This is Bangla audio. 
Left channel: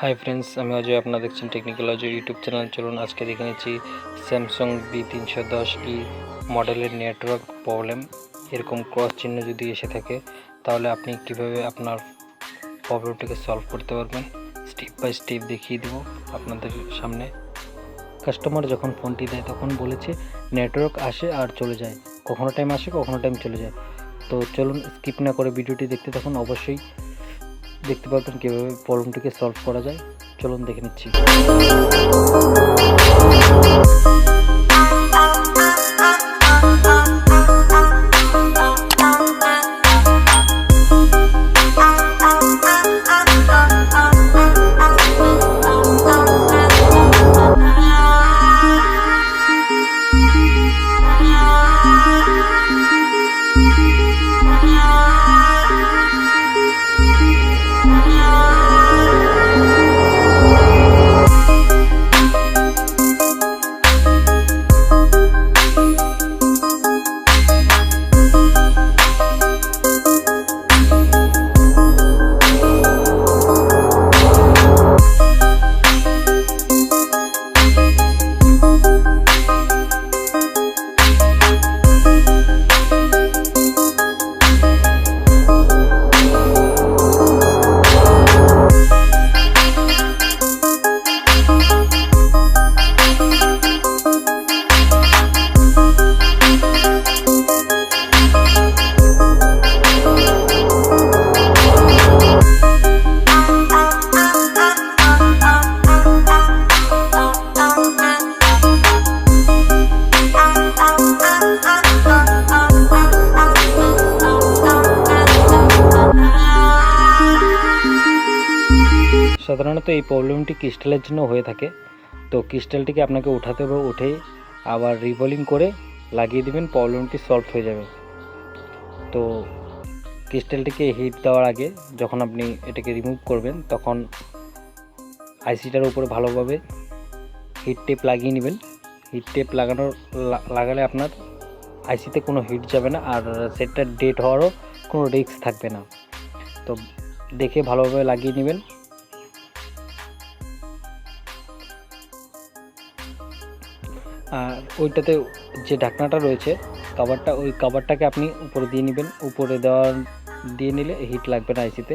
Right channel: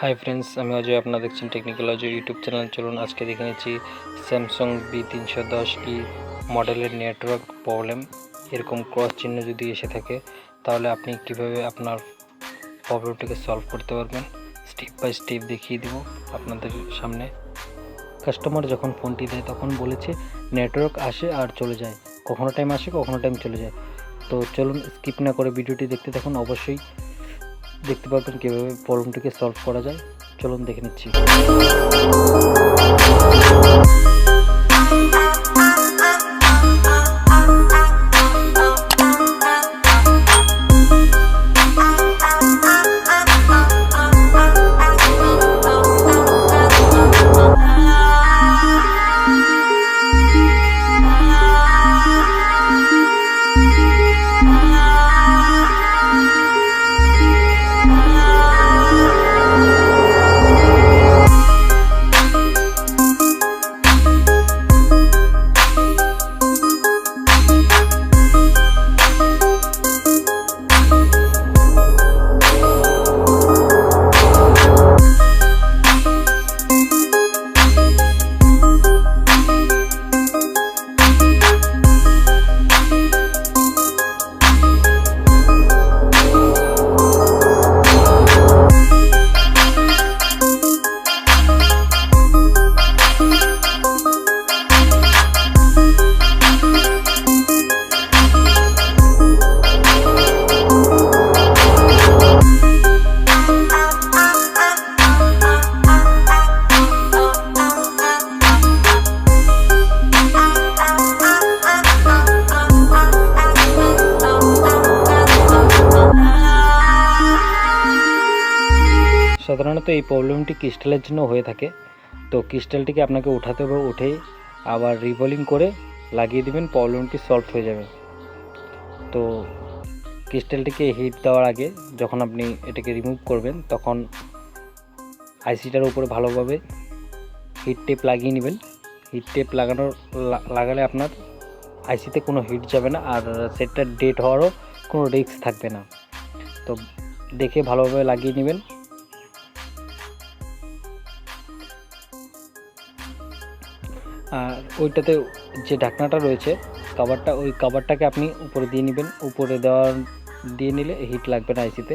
हाई फ्रेंड्स আমি অজয় আপনারা দেখছেন টেকনিক্যাল অজয় ইউটিউব চ্যানেল। চলুন আজকে দেখে নিচ্ছি স্যামসাং B310e মডেলের নেটওয়ার্ক প্রবলেম। এরকম ক্রস চিহ্ন যদি এসে থাকে তাহলে আপনি কিভাবে আপনার প্রবলেমটাকে সলভ করতে পারবেন স্টেপ বাই স্টেপ দেখিয়ে দেব আপনাদের সামনে। কাস্টমার যখন ফোনটি দেয় তখন বলেছে নেটওয়ার্ক আসে আর চলে যায়, কখনো টাইম আসে কখনো টাইম চলে যায়। তো চলুন স্কিপ না করে ভিডিওটি দেখতে থাকুন, অবশ্যই দেখতে পাবেন কীভাবে প্রবলেমটিকে সলভ করা যায়। চলুন দেখে নিচ্ছি। সাধারণত এই প্রবলেমটি ক্রিস্টালের জন্য হয়ে থাকে। তো ক্রিস্টালটিকে আপনাকে উঠাতে হবে, উঠে আবার রিভলিং করে লাগিয়ে দিবেন, প্রবলেমটি সলভ হয়ে যাবে। তো ক্রিস্টালটিকে হিট দেওয়ার আগে যখন আপনি এটাকে রিমুভ করবেন তখন আইসিটার উপরে ভালোভাবে হিট টেপ লাগিয়ে নেবেন। হিট টেপ লাগালে আপনার আইসিতে কোনো হিট যাবে না আর সেটটা ডেড হওয়ারও কোনো রিস্ক থাকবে না। তো দেখে ভালোভাবে লাগিয়ে নেবেন। আর ওইটাতে যে ঢাকনাটা রয়েছে কভারটা, ওই কভারটাকে আপনি উপরে দিয়ে নেবেন। উপরে দিয়ে নিলে হিট লাগবে না আইসিতে।